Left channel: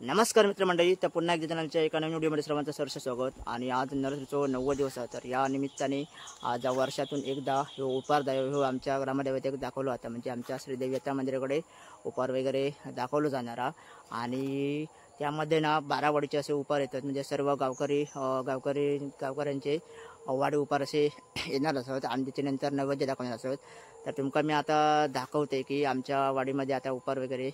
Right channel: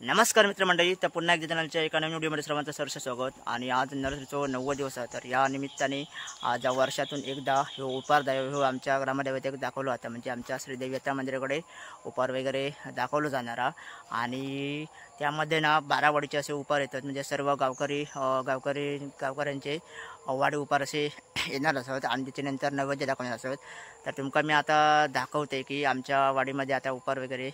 नमस्कार मित्रमंडळी, तर पुन्हा एकदा चॅनलच्या एका नवीन व्हिडिओमध्ये सर्वांचं सहर्ष स्वागत। आणि आज नवरात्रीचं 9वा दिवस आहे, तर या निमित्ताने आज वर्षातून एकदा हे उपार दैव आमच्या ग्रामदेवतेक दाखवलं होतं, म्हणजे आमच्या श्रीदेवी यात्रा मंदिराकडे उपार वगैरे दाखवलं जाणारा। आणि त्यामध्ये ना 12 वाडीचे असे उपार येतात, म्हणजे सर्व गावकऱ्यांचे वाडी उपार असे येणार असत आणि त्याच्यानंतर नैवेद्य दाखवणार असत। तर तुमका मी आता दाखवते की आमच्या वाडीमध्ये आता उपार वगैरे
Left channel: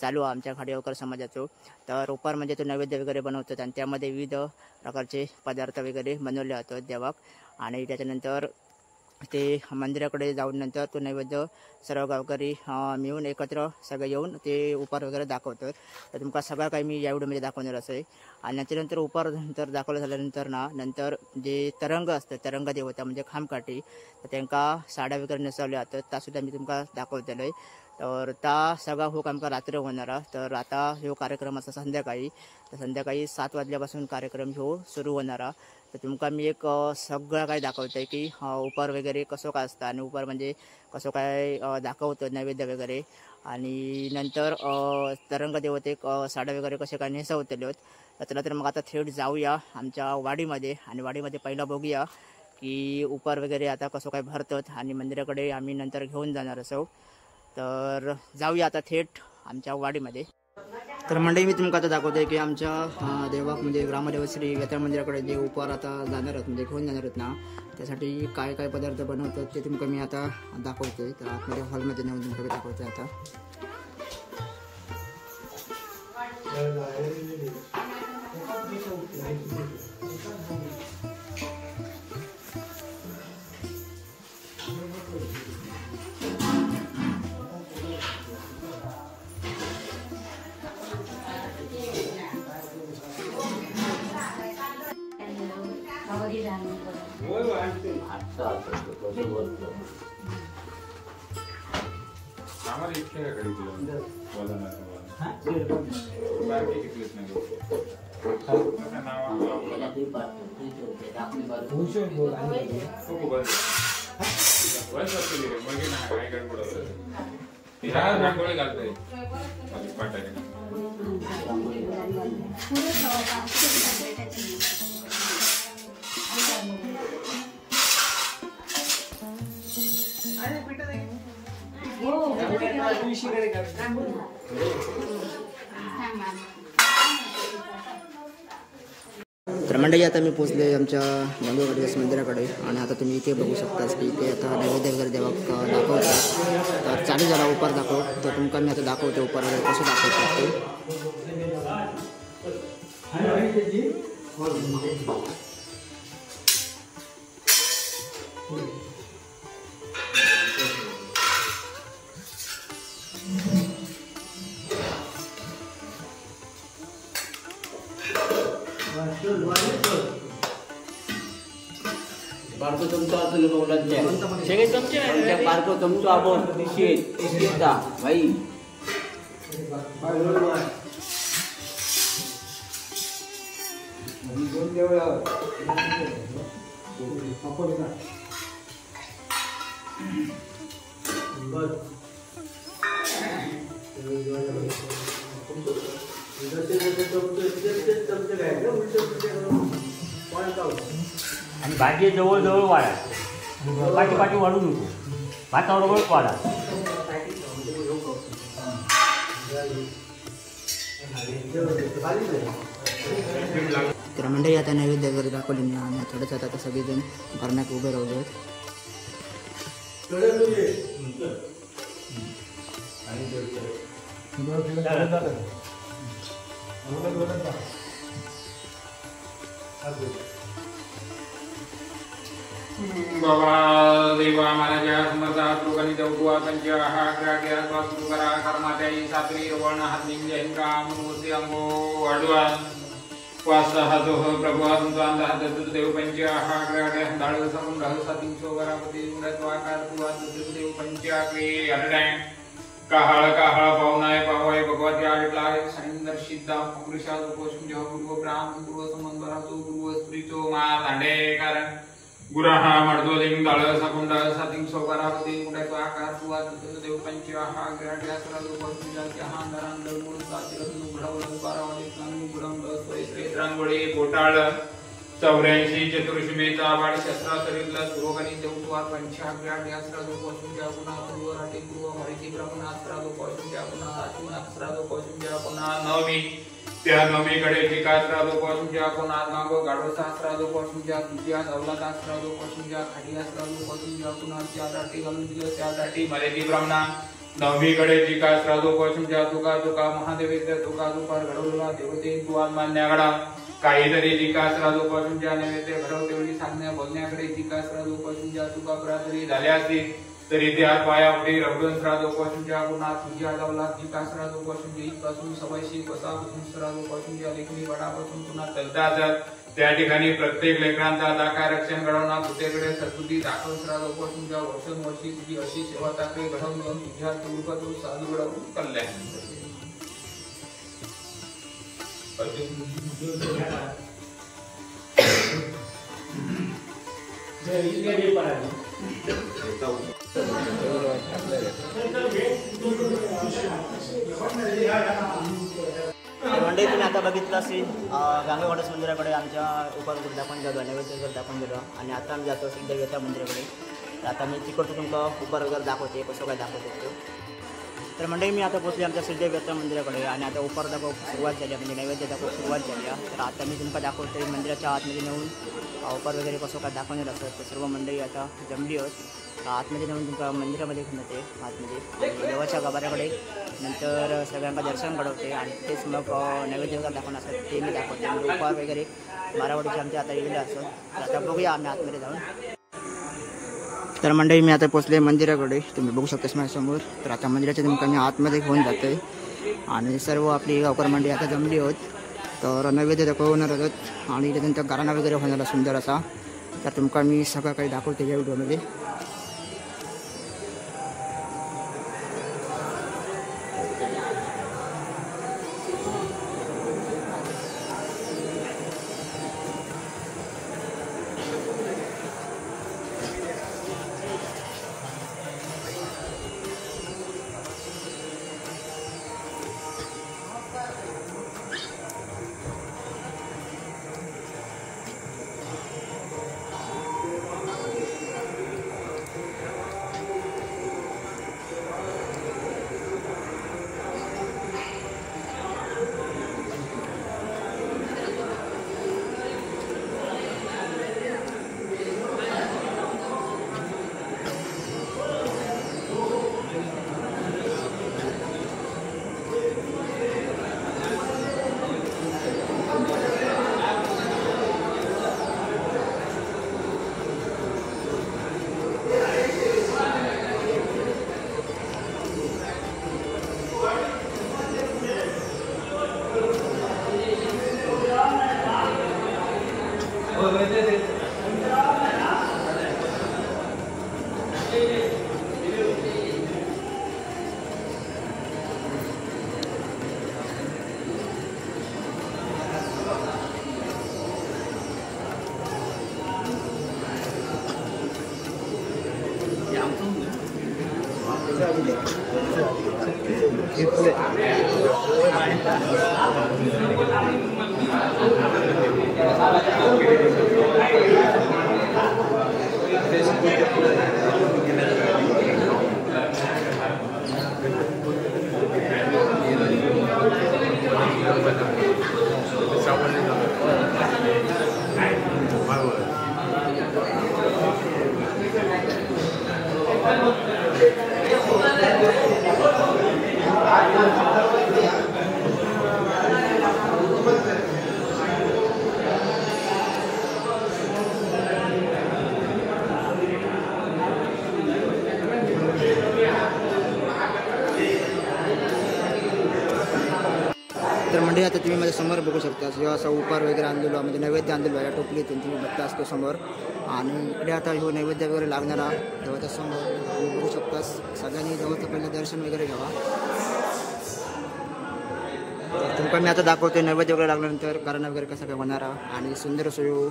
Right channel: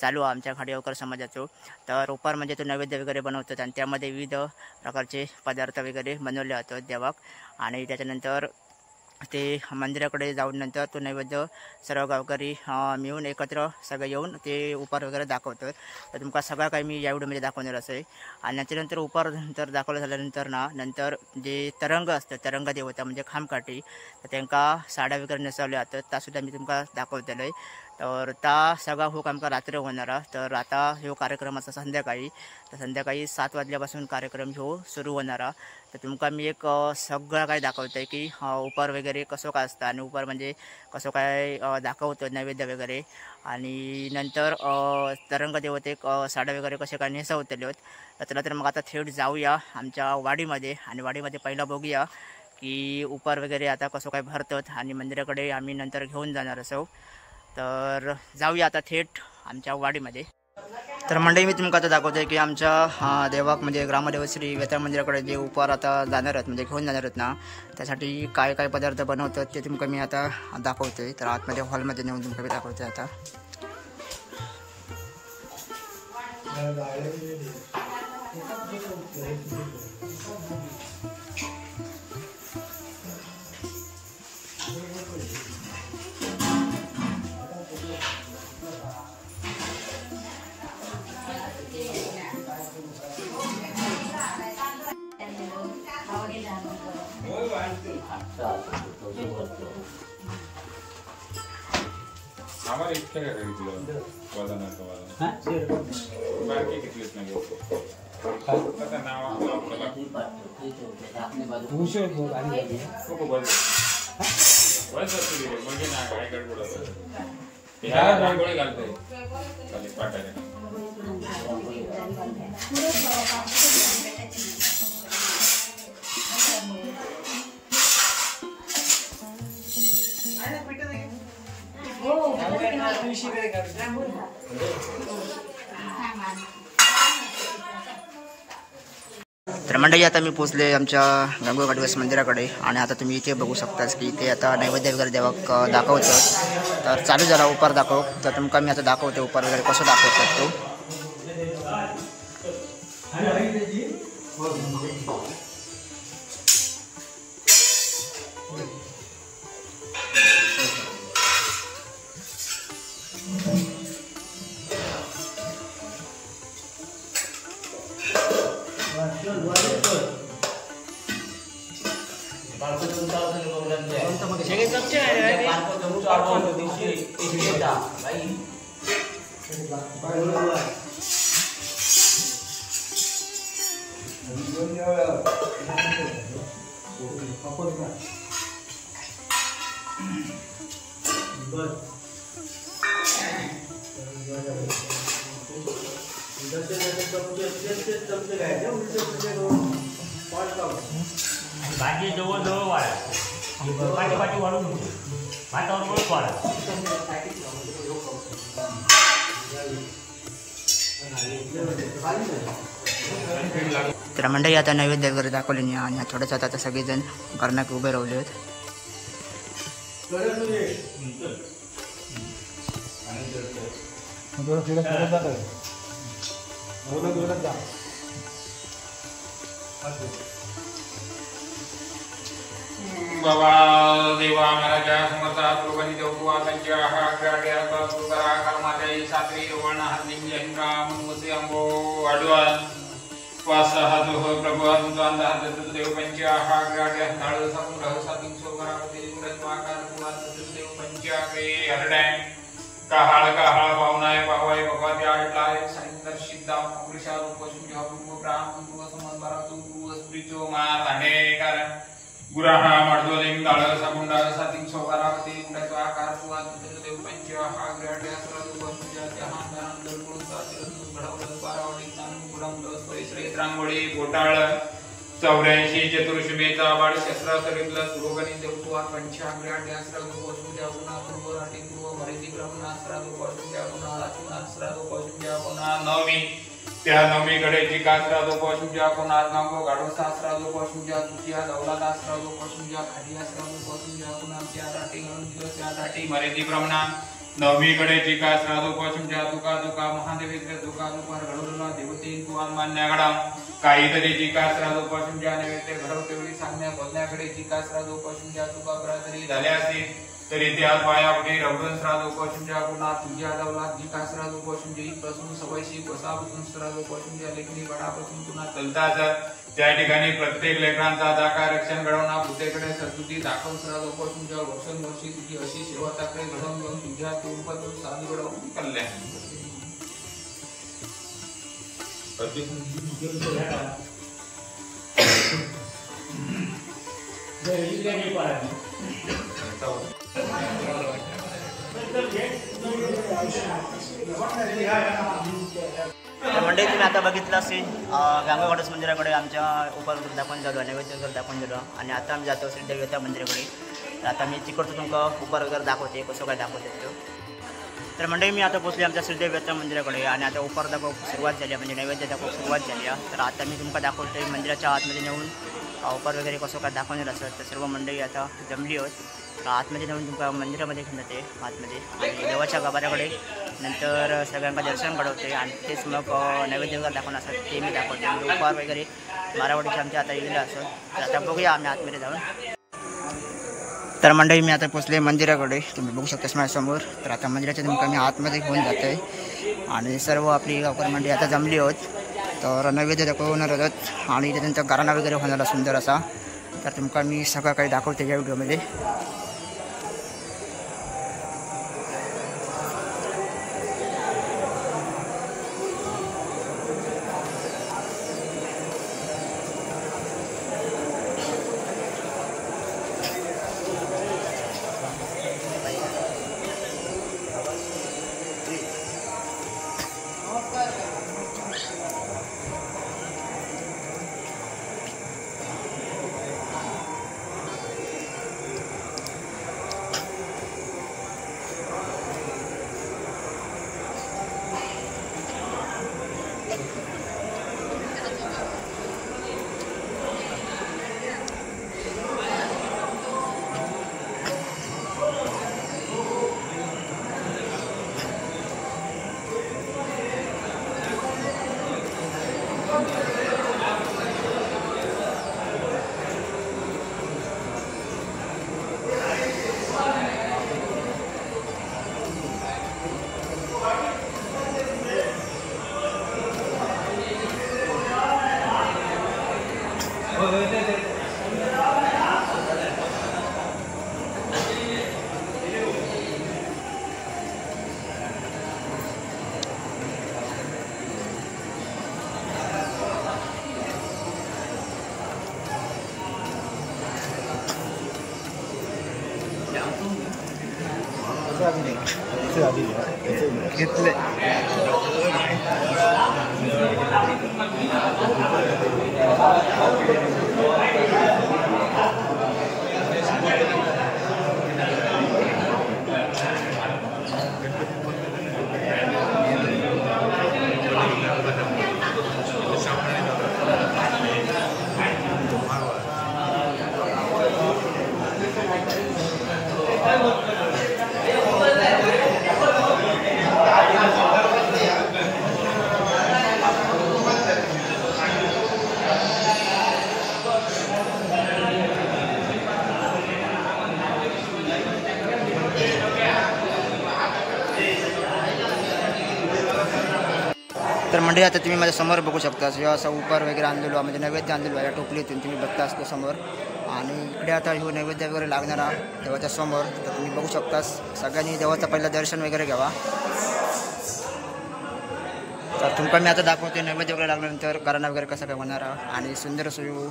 चालू आहे आमच्या खाडीवकर समाजाचं। तर उपार म्हणजे तो नैवेद्य वगैरे बनवतात आणि त्यामध्ये विविध प्रकारचे पदार्थ वगैरे बनवले जातात देवाक। आणि त्याच्यानंतर ते मंदिराकडे जाऊन नंतर तो नैवेद्य सर्व गावकरी मिळून एकत्र सगळे येऊन ते उपार वगैरे दाखवतात। तर तुमका सगळं काही मी या व्हिडिओमध्ये दाखवणार आहे। आणि त्याच्यानंतर उपार नंतर दाखवलं झाल्यानंतर नंतर जे तरंग असतं, तरंग देवता म्हणजे खामकाठी, तर त्यांना साड्या वगैरे नेसवल्या जातात, त्यासुद्धा मी तुमका दाखवलेलं आहे। तर त्या सगळा हो आमका रात्र होणार। तर आता ह्यो कार्यक्रम असा संध्याकाळी 7 वाजल्यापासून कार्यक्रम ह्यो सुरू होणार। तर तुमका मी एक सगळं काय दाखवतंय की उपार वगैरे कसं काय असतं आणि उपार म्हणजे कसं काय दाखवतं नैवेद्य वगैरे। आणि नंतर तरंग देवतेक साड्या वगैरे कसे काय नेसवतले। तर चला तर मग आता थेट जाऊया आमच्या वाडीमध्ये आणि वाडीमध्ये पहिला बघूया की उपार वगैरे आता कसं काय भरतात आणि मंदिराकडे आम्ही नंतर घेऊन जाणार असो। तर जाऊया आता थेट आमच्या वाडीमध्ये। तर मंडळी, मी तुमका आता दाखवतोय की आमच्या देवाक म्हणजे ग्रामदेव श्री यात्रा मंदिराकडे जे उपार आता जाणार आहेत म्हणजे घेऊन जाणार आहेत ना, त्यासाठी काय काय पदार्थ बनवतात ते तुमका मी आता दाखवतोय। तर आतमध्ये हॉलमध्ये नेऊन तुमका मी दाखवतोय आता। हमारे इतने का करी दिया वाला ना तो हां बाकी कितने में का नाम आपला आपने बात पूछो तो आने तो बस असले म्हणजे ना काय गडबड होतं बिहार रांगोळी घालते आणि पाटाने तर मंडळी, आता मी पोचले आमच्या गंगोगडवेस मंदिराकडे आणि आता तुम्ही इथे बघू शकताच की ते आता नैवेद्य वगैरे देवाक दाखवतात। तर चालू झाला उपार दाखव। तर तुमका मी आता दाखवते उपार वगैरे कसं दाखवतात तो। भाजी जवळ जवळ वाढा, पाठी पाठी वाढून वातावरण वाढा। तर मंडळी, आता नैवेद्य वगैरे दाखवले नाही आणि थोडंसं आता सगळेजण घरनाक उभे राहिले आहेत। बाबा देवा मला ज्या समर्था लोकांनी देवकुवा त्यांच्या हा गाड्या बसू करा कर्माच्या सात्री वर्ण हरनिंग जयंगाम मूर्ती अंगो वाढवा वासहतो प्रभु अंतंदा देव पंचा हा गाड्या धाळ समूह राहू साती सोगरापती गुणत्वाकार तुवा देव पंचा के हरडॅन काहाळ पावनाय पावाय भगवती आटलाय संदर्शिता पुरुषा रूपसून पूर्व ब्राह्मण पूर्व समंतरा पूर्व स्त्रीचो मा भांडेकर गुराहा मर्दोलिंग दाळ साकुंडा साती सोगरापती गुणत्वाकार तुवा देव पंचा हा गाड्या सर्व पूजा जहान नाम दोन साती घडवलं बारावली श्री रांगोळी घोटाळ 84 चतुर्शुभेचा वाढ शस्त्रास्त्रीतला सुरोगणी देवत्वा पंचाग्राड यास्त्रादो पशुजा गुणा पूर्व राठी पूर्व मरिती ब्रह्मणास्त्रादो पशुजा गुणा राठीनास्त्रादो पशुजा गुणा नवमी त्या नवमीकडे जिकास्त्रादो पशुजा गुणा नागो गाडोसास्त्रादो पशुजा तुझ्या अवलादास्त्रादो पशुजा खाडियास्त्रादो पशुजा गुणा त्या राठी गलुजियो त्या राठी मरिती ब्रह्मणा नवमीकडे जिकास्त्रादो पशुजा तुका तुका महादेवेंद्र तुका तुका घडवला देवते तुवान मान्यागडा काहीतरी जिकास्त्रादो पशुजा नैवेद्य घडवतेवेळी सांगण्या बोलण्याकडे जिकास्त्रादो पशुजा तुका तरी झाल्या असतील तरी त्या पायापुढे रवडून श्रादो पशुजा गुणा तुझ्या दवला जिकास्त्रादो पशुजी पासून सवयशी कसा श्रादो पशुजा लेखणी वडापासून पुन्हा चलतात त्या ठिकाणी प्रत्येक लेकरांचा दाका रक्षण घडवणा भूतेकडे सत्पुती दाखव श्रादो पशुजा वर्षी तुझी अशी सेवा टाकले घडवून घेऊन तुझ्या स्वरूपातून साधू घडवून कल्याण मंडळी तुम्ही आता बघितलं असेल गांगा गणेश मंदिराकडे आमच्या उपर दाखवून झालो नैवेद्य दाखवून झालो आणि आता आम्ही जातो श्री देवता मंदिराकडे तर आता मी तिकडचं तुमका उपर वगैरे दाखवते कसं काय दाखवते तो तर मंडळी मी आता पोचले आमच्या श्रीदेवता मंदिराकडे आणि आता उपर दाखव सुरुवात झाली म्हणजे नैवेद्य दाखव सुरुवात झाली तर आता मी तुमका दाखवते मंदिराच्या आतमध्ये नेऊन उपर वगैरे कसं काय दाखवणार असतं तर सर्व मंडळी आता जमली आहोत आतमध्ये नेऊन तुमका मंदिरामध्ये घेऊन जाते आतमध्ये आणि देवाच्या गाभाऱ्याकडे नंतर सगळ्यांना दर्शन घडवते आणि तेच मग नैवेद्य वगैरे दाखवणार असतात ते मी दाखवते म्हणजे उपार वगैरे मारावाडीचे आमच्या आता गेलेलं असत तर आता बघूया आम्ही आतमध्ये जाऊन तर मंडळी मी आता पोचले मंदिराकडे तुम्ही बघू शकता माझ्यासमोर तर आता मंदिराच्या तुमका मी आतमध्ये घेऊन जाते आणि सर्व आपली गावकर मंडळी आता जमली आहोत तर नैवेद्य दाखवणार आहोत आणि त्यानंतर गाराणा वगैरे होणार सुंदर असा तर तुमका मी सगळं काही दाखवते या व्हिडिओमध्ये घेतले तर मंडळी आता तुम्ही माझ्या समोर बघू शकता जेव्हा असा उपार वगैरे आणलेलो म्हणजे नैवेद्य आणलेलो या टोपलीतून तुम्ही बघता असतो समोर आणि इकडे आता ह्यो नैवेद्य वगैरे लागणारा देवाच्या समोर तर तुम्ही बघू शकता सगळ्यांनी देवाचं पहिलं दर्शन वगैरे घ्यावा तर तुमका मी आता दाखवते नैवेद्य वगैरे लागल्यानंतर गाराणा वगैरे कसा काय होणारा आणि सुंदर सोयी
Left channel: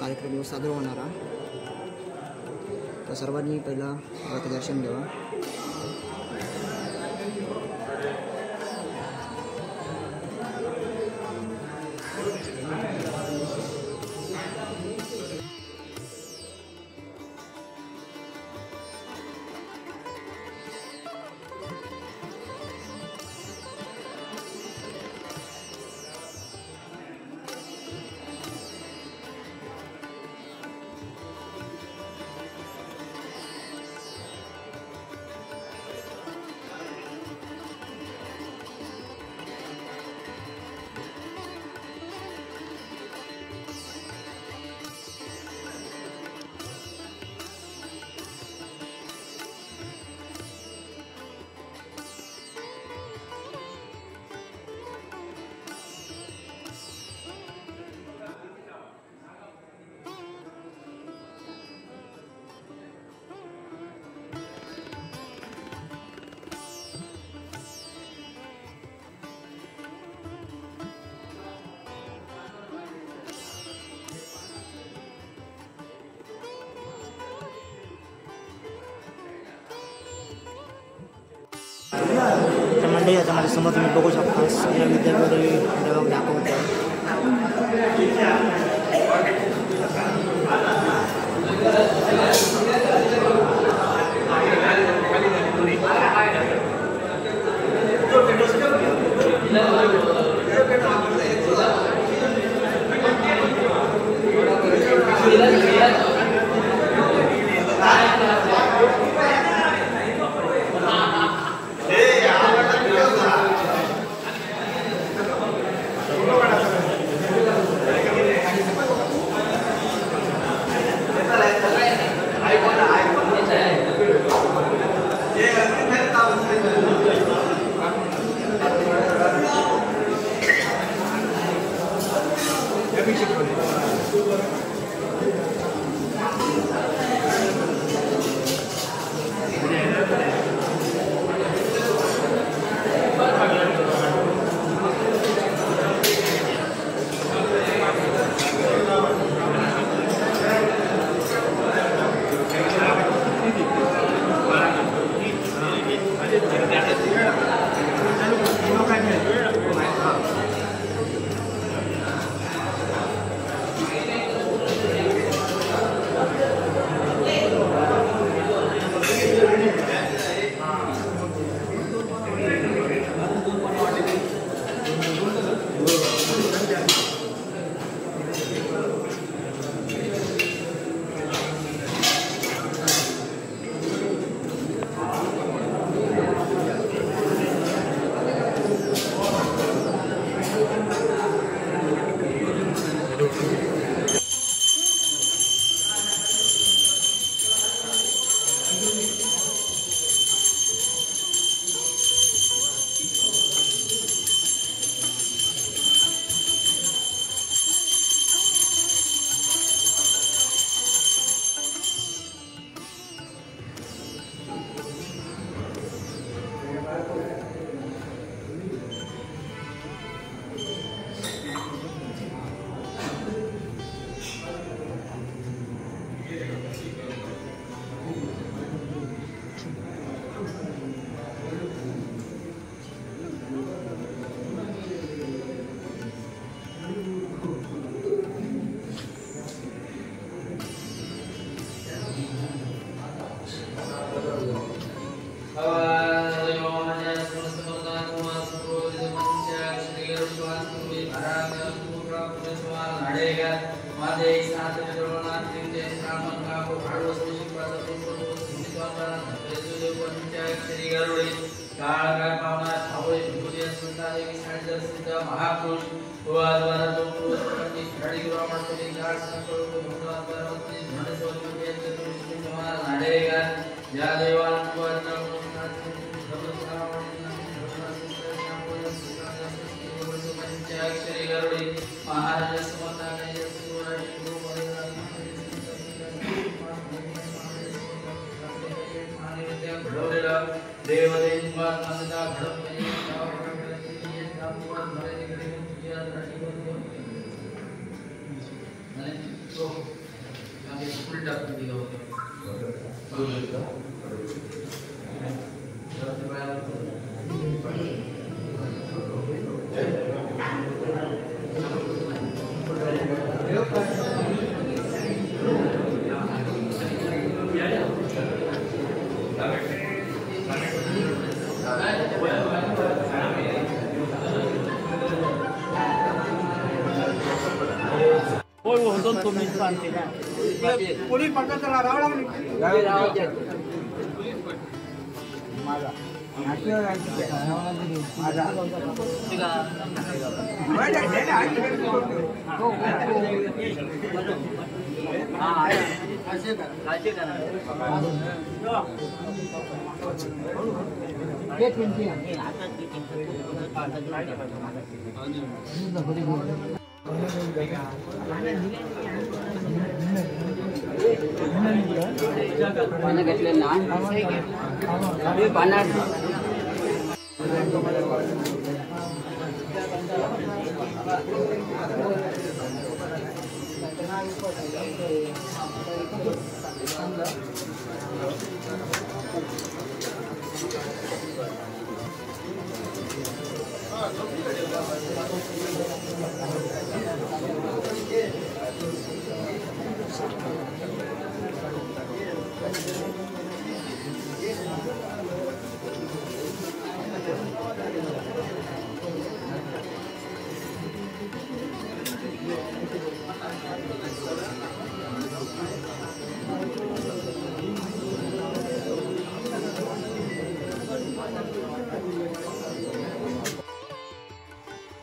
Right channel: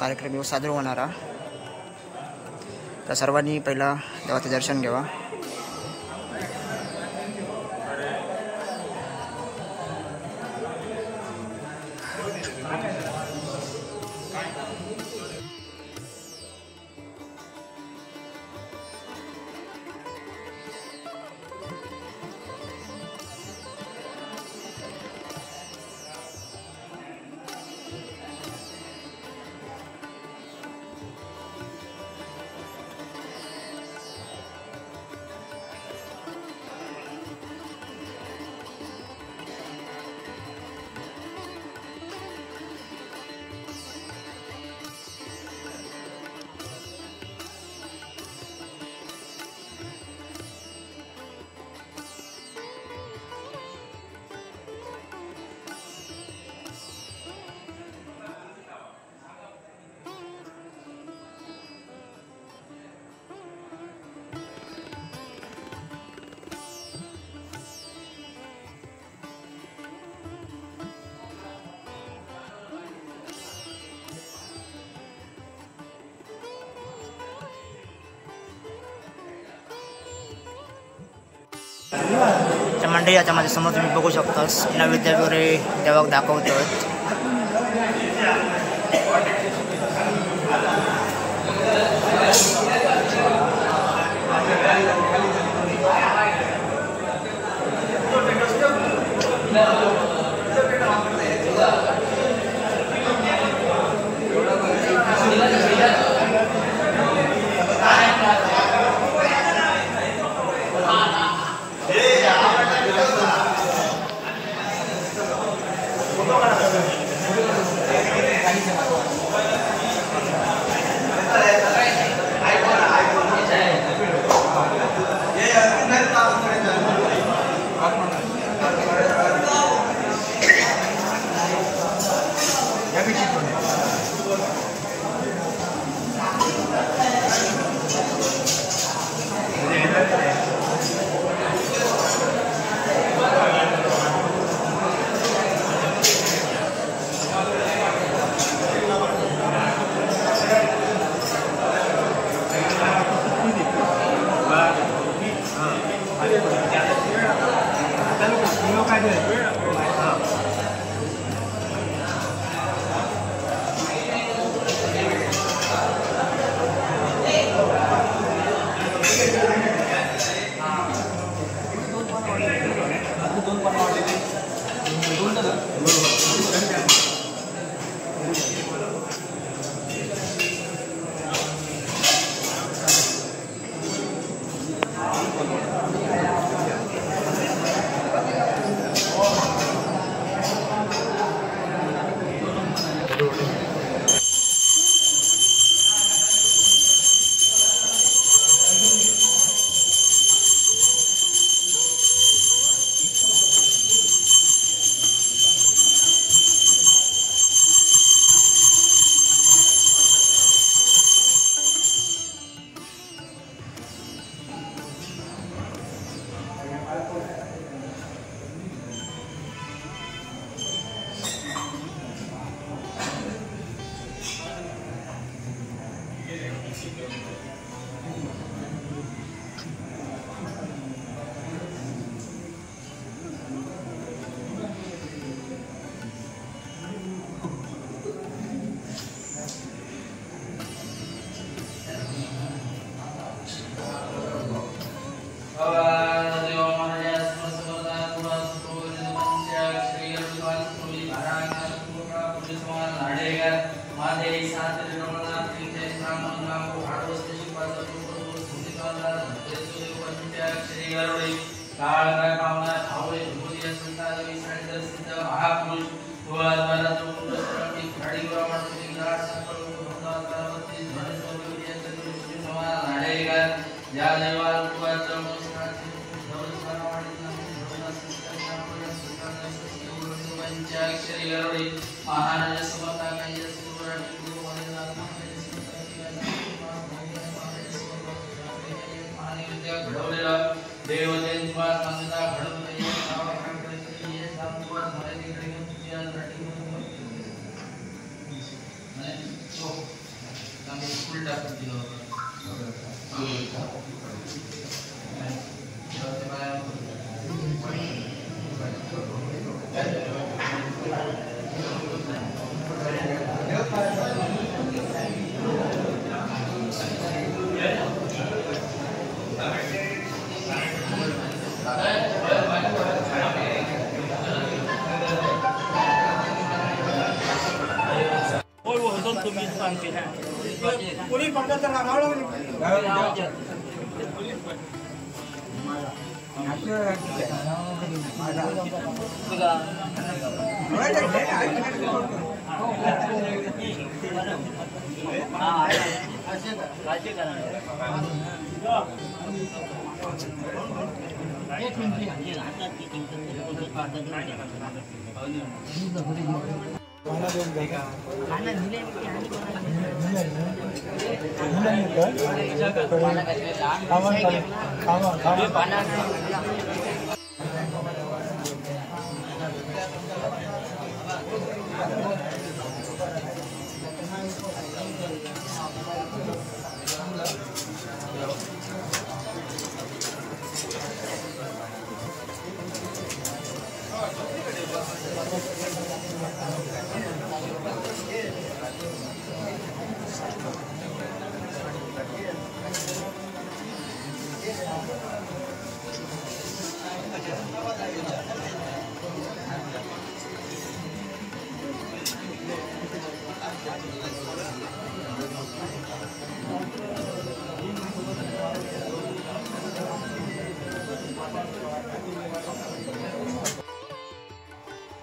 कार्यक्रम साजरा होणारा तर सर्वांनी पहिला देवाचं दर्शन घ्यावा मंडळी आता माझ्या समोर तुम्ही बघू शकता नैवेद्य वगैरे देवाक दाखवतो.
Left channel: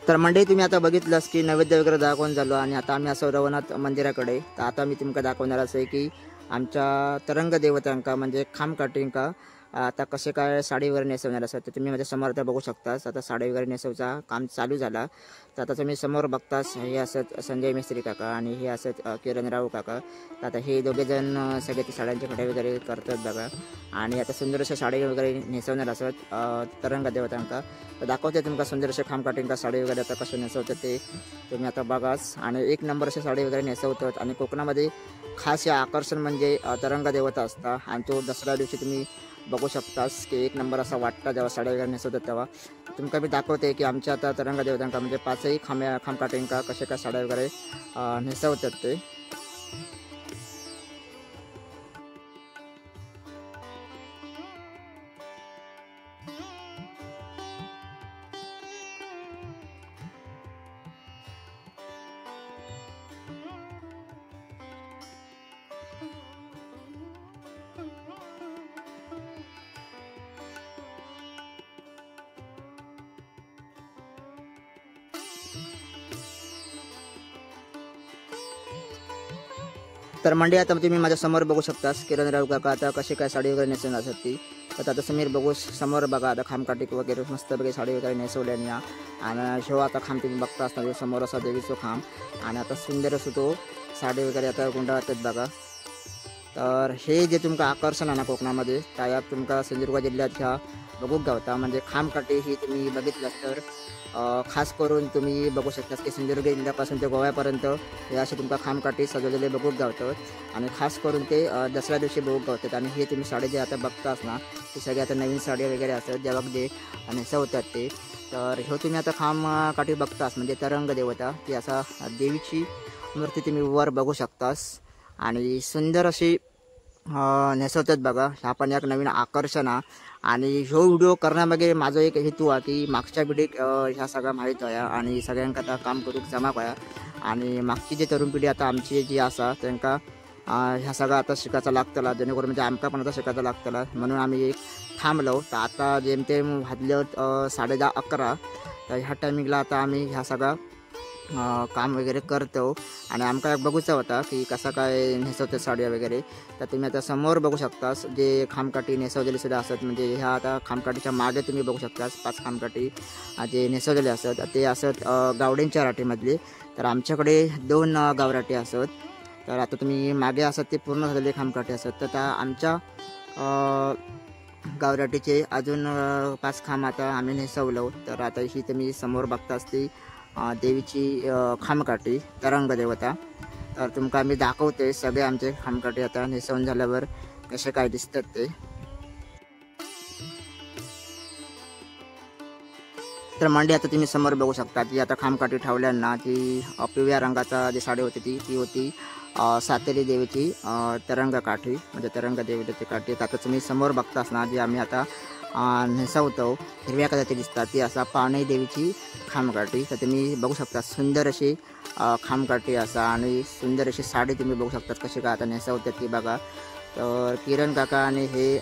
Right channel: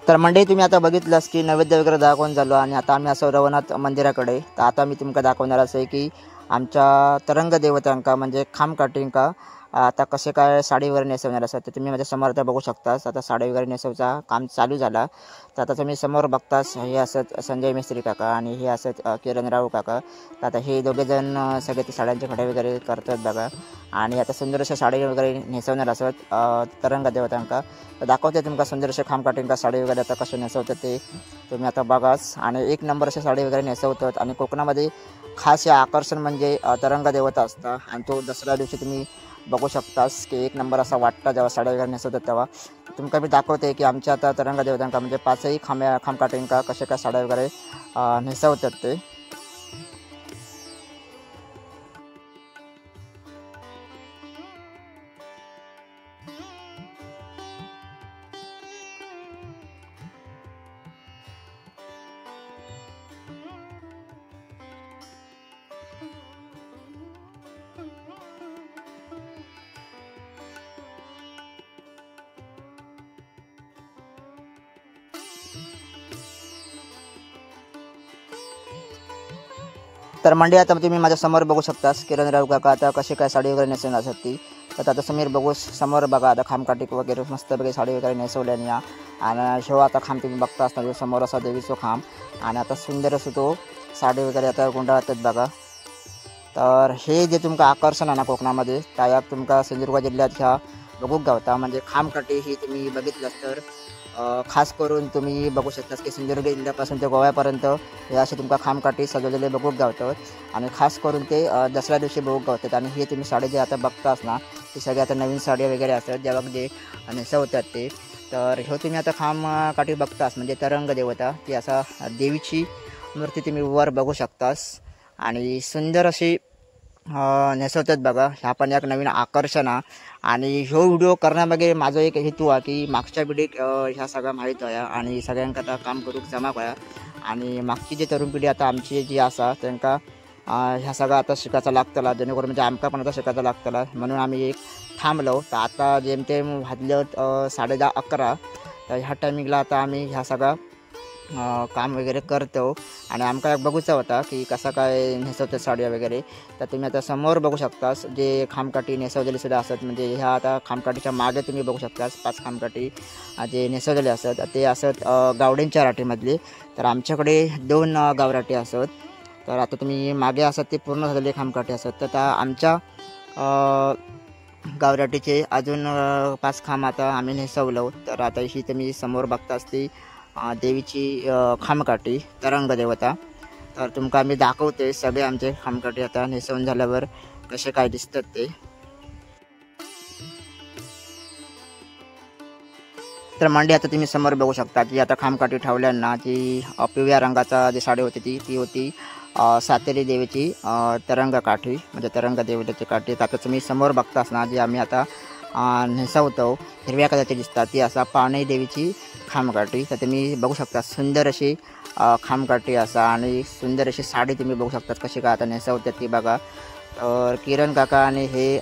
तर मंडळी तुम्ही आता बघितलंस की नैवेद्य वगैरे दाखवून झालो आणि आता आम्ही असं रवनाथ मंदिराकडे. तर आता मी तुमका दाखवणार असं आहे की आमच्या तरंग देवतांका म्हणजे खाम काटिंका आता कसे काय साडी वगैरे नेसवणार असतात. तर तुम्ही माझ्या समोर आता बघू शकतास. आता साडी वगैरे नेसवचा काम चालू झाला. तर आता तुम्ही समोर बघतास हे असत संजय मिस्त्री काका आणि हे असत किरणराव काका. तर आता हे दोघेजण सगळे ते साड्यांचे खडे वगैरे करतात बघा. आणि आता सुंदर अशा साडी वगैरे नेसवणार असत तरंग देवतांका. तर दाखवते तुमका सुंदर अशा खाम काटिंका साडी वगैरे आता कसे नेसवतात ते तुम्ही आता बघाच. आणि एक नंबर अशा साडी वगैरे नेसवतात. आणि कोकणामध्ये खास हे आकर्षण म्हणजे तरंग देवता असता. आणि तो दसऱ्या दिवशी तुम्ही बघू शकतास की एक नंबर असा वाटतं जेव्हा साड्या वगैरे नेसवतात तेव्हा. तुमका मी दाखवते की आमच्या आता तरंग देवतांका म्हणजे पाचही खाम काटिंका कसे काय साड्या वगैरे नेसवतात ते. तर मंडळी आता तुम्ही माझ्या समोर बघू शकतास किरणराव काका आता कशी काय साडी वगैरे नेसवणार असतात ती. तर आता समीर बघू समोर बघा आता खामकाटिक वगैरे मस्त वगैरे साडी वगैरे नेसवल्याने आणि शेव आता खांब तुम्ही बघतास ना समोर असा देवीचो खांब आणि आता सुंदर असो तो साडी वगैरे आता गुंडाळतात बघा. तर हे जे तुमका आकर्षण आहे ना कोकणामध्ये त्यात तुमका सिंधुदुर्ग जिल्ह्यात ह्या बघूक गावता. म्हणजे खामकाठी ही तुम्ही बघितलं तर खास करून तुम्ही बघू शकता की सिंधुदुर्ग जिल्ह्यापासून ते गोव्यापर्यंत हे असे तुमका खामकाठी सजवलेले बघूक गावतात. आणि खास करून ते दसऱ्या दिवशी बघूक गावतात. आणि हे तुम्ही साडी जे आता बघतास ना ती सगळी आता नवीन साडी वगैरे असतात जेव्हा जे नेसवतात ते. तर हे तुम्ही आता खामकाठी बघतास म्हणजे तरंग देवता ती असा देवीची मूर्ती तुम्ही वर बघू शकतास आणि सुंदर अशी नेसवतात बघा. ह्या पण एक नवीन आकर्षण आहे. आणि ह्यो व्हिडिओ करण्यामागे माझा एक हेतू आहे की मागच्या पिढीक ह्या सगळ्या माहीत आहे आणि सगळ्यांका आता काम करूक जमा करा. आणि मागची जी तरुण पिढी आता आमची जी असा त्यांना ह्या सगळं आता शिकायचं लागतला जेणेकरून म्हणजे आमका पण आता शिकायचं लागतला. म्हणून आम्ही एक थांबलो. तर आता जेमतेम वाजले 10:30-11 तर ह्या टायमिंगला आता आम्ही ह्या सगळा काम वगैरे करतो. आणि आमका एक बघूचा होता की कसा काय नेसवतात साड्या वगैरे. तर तुम्ही आता समोर बघू शकतास जे खामकाठी नेसवलेले सुद्धा असतात. म्हणजे ह्या आता खामकाठीच्या मागे तुम्ही बघू शकतास 5 खामकाठी जे नेसवलेले असतात ते असत गावड्यांच्या राठीमधले. तर आमच्याकडे 2 गावराठी असत. तर आता तुम्ही मागे असत ते पूर्ण झालेले खामकाठी असत. तर आता आमच्या गावराटीचे अजून 5 खांब आता आम्ही नेसवलो. तर आता ही तुम्ही समोर बघतास ती देवीची खामकाठी तरंग देवता. तर तुमका आम्ही दाखवते सगळे आमचे खामकाठी आता नेसवून झाल्यावर कसे काय दिसतात ते. तर मंडळी आता तुम्ही समोर बघू शकता की आता खामकाठी ठेवल्यांना ती पिवळ्या रंगाचा जी साडी होती ती होती सातेरी देवीची तरंग काठी म्हणजे तरंग देवतेची काठी. आता तुम्ही समोर बघतास ना जी आम्ही आता नेसवतो हिरव्या कलरची दिसतात ती असा पावणे देवीची खामकाठी. तर तुम्ही बघू शकता सुंदर अशी खामकाठी असा आणि सुंदर अशी साडी तुम्ही बघू शकता कशी काय आता नेसवतात ती बघा. तर किरण काका आणि हे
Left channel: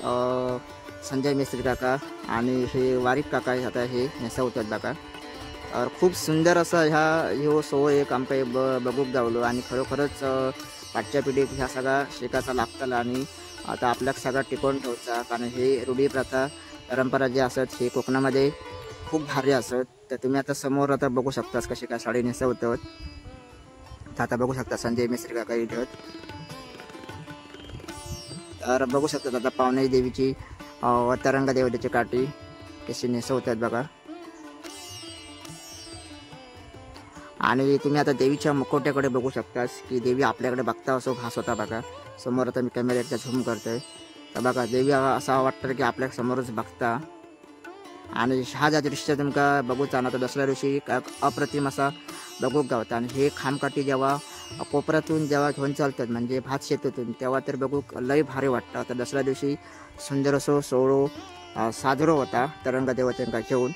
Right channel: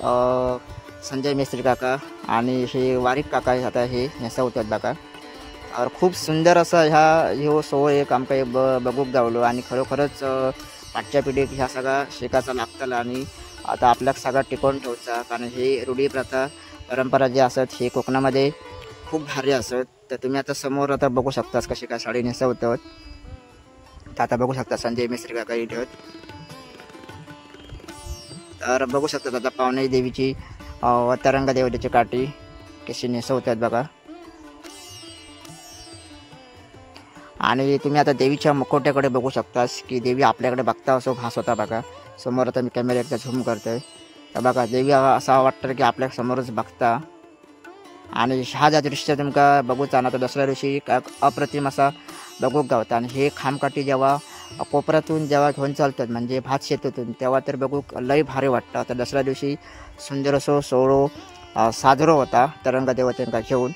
संजय मिस्त्री काका आणि हे वारिक काका आता हे नेसवतात बघा. तर खूप सुंदर असं ह्यो सोहळ एक आमका बघूक गावलो. आणि खरोखरच पाठच्या पिढीत ह्या सगळा शिकायचा लागतला आणि आता आपल्याक सगळा टिकवून ठेवचा. कारण हे रूढी प्रथा परंपरा जे असत हे कोकणामध्ये खूप भारी असत. तर तुम्ही आता समोर आता बघू शकतास कशी काय साडी नेसवतात. तर आता बघू शकता संजय मिस्त्री काका इथं. तर बघू शकतात आता पावणे देवीची तरंग देवतेची काठी कशी नेसवतात बघा. आणि तुम्ही आता देवीच्या मुखवट्याकडे बघू शकतास की देवी आपल्याकडे बघता असो भास होता बघा. समोर आता मी कॅमेऱ्याचा झूम करतोय तर बघा देवी असं वाटतं की आपल्या समोरच बघता. आणि हा ज्या दृश्य तुमका बघूचा ना तर दसऱ्या दिवशी अप्रतिम असा बघूक गावता. आणि हे खामकाठी जेव्हा कोपऱ्यातून जेव्हा घेऊन चालतात म्हणजे भात शेतातून तेव्हा तर बघूक लय भारी वाटतं. तर दसऱ्या दिवशी सुंदर असो सोहळो साजरो होता तरंग देवतांका घेऊन.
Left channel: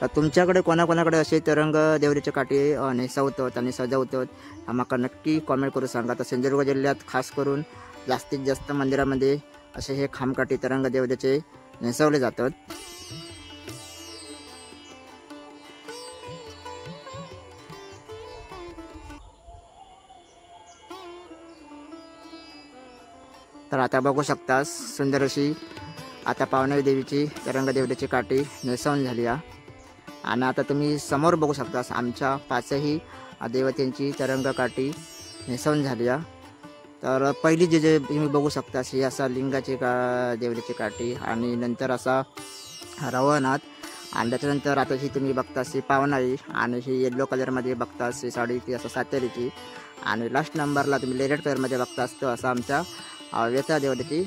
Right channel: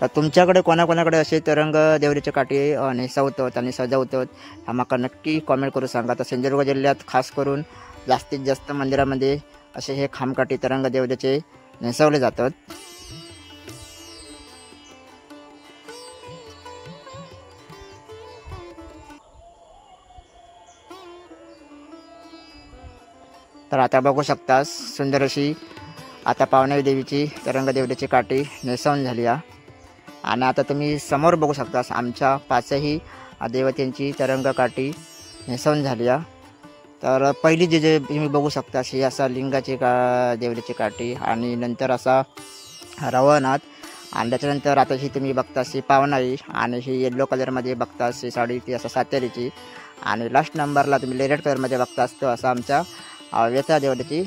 तर तुमच्याकडे कोणाकोणाकडे असे तरंग देवतेचे काठी नेसवतात आणि सजवतात आम्हाला नक्की कॉमेंट करून सांगा. तर सिंधुदुर्ग जिल्ह्यात खास करून जास्तीत जास्त मंदिरामध्ये असे हे खामकाठी तरंग देवतेचे नेसवले जातात. तर आता बघू शकता सुंदर अशी आता पावनाई देवीची रंगदेवतेची काठी नेसवून झाली आहे. आणि आता तुम्ही समोर बघू शकता आमच्या पाचही देवतांची रंग काठी नेसवून झाली आहे. तर पहिली जे तुम्ही बघू शकता ही असा लिंगाची देवतेची काठी आणि नंतर असा रवनाथ आणि त्याच्यानंतर आता ही तुम्ही बघता ही पावनाई आणि ही येल्लो कलरमध्ये बघता ही साडी ती असं सातेरीची आणि लास्ट नंबरला तुम्ही रेड कलरमध्ये बघता तो असा आमच्या वेता देवतेची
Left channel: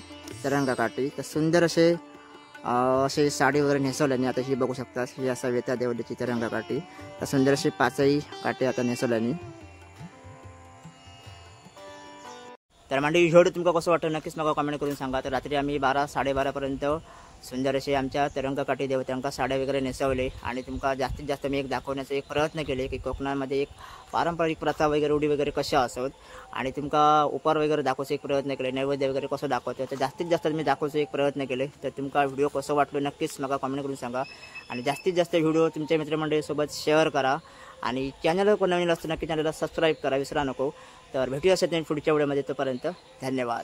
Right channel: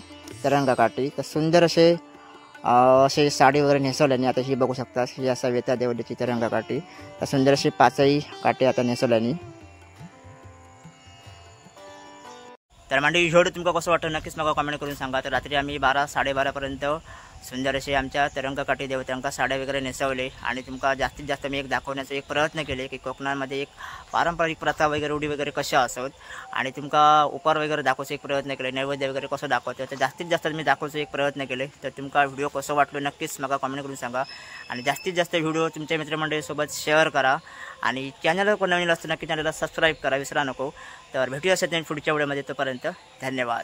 रंग काठी. तर सुंदर असे साडी वगैरे नेसवल्याने आता ही बघू शकता ही असा वेता देवतेची रंग काठी. तर सुंदर अशी पाचही काठी आता नेसवल्याने. तर मंडळी व्हिडिओ तुमका कसं वाटतं नक्कीच मला कमेंट करून सांगा. तर रात्री आम्ही 12-12:30पर्यंत सुंदर असे आमच्या तरंगकाठी देवतांका साड्या वगैरे नेसवले आणि तुमका जास्तीत जास्त मी एक दाखवण्याचा एक प्रयत्न केले की कोकणामध्ये एक पारंपरिक प्रथा वगैरे रूढी वगैरे कशा असत आणि तुमका उपार वगैरे दाखवायचा एक प्रयत्न केले, नैवेद्य वगैरे कसं दाखवतो तर जास्तीत जास्त मी दाखवायचा एक प्रयत्न केले. तर तुमका व्हिडिओ कसं वाटलं नक्कीच मला कमेंट करून सांगा आणि जास्तीत जास्त व्हिडिओ तुमच्या मित्रमंडळीसोबत शेअर करा आणि चॅनलवर कोण नवीन असतं नक्की चॅनलला सबस्क्राईब करा विसरा नको. तर भेटूया पुढच्या व्हिडिओमध्ये. तोपर्यंत धन्यवाद.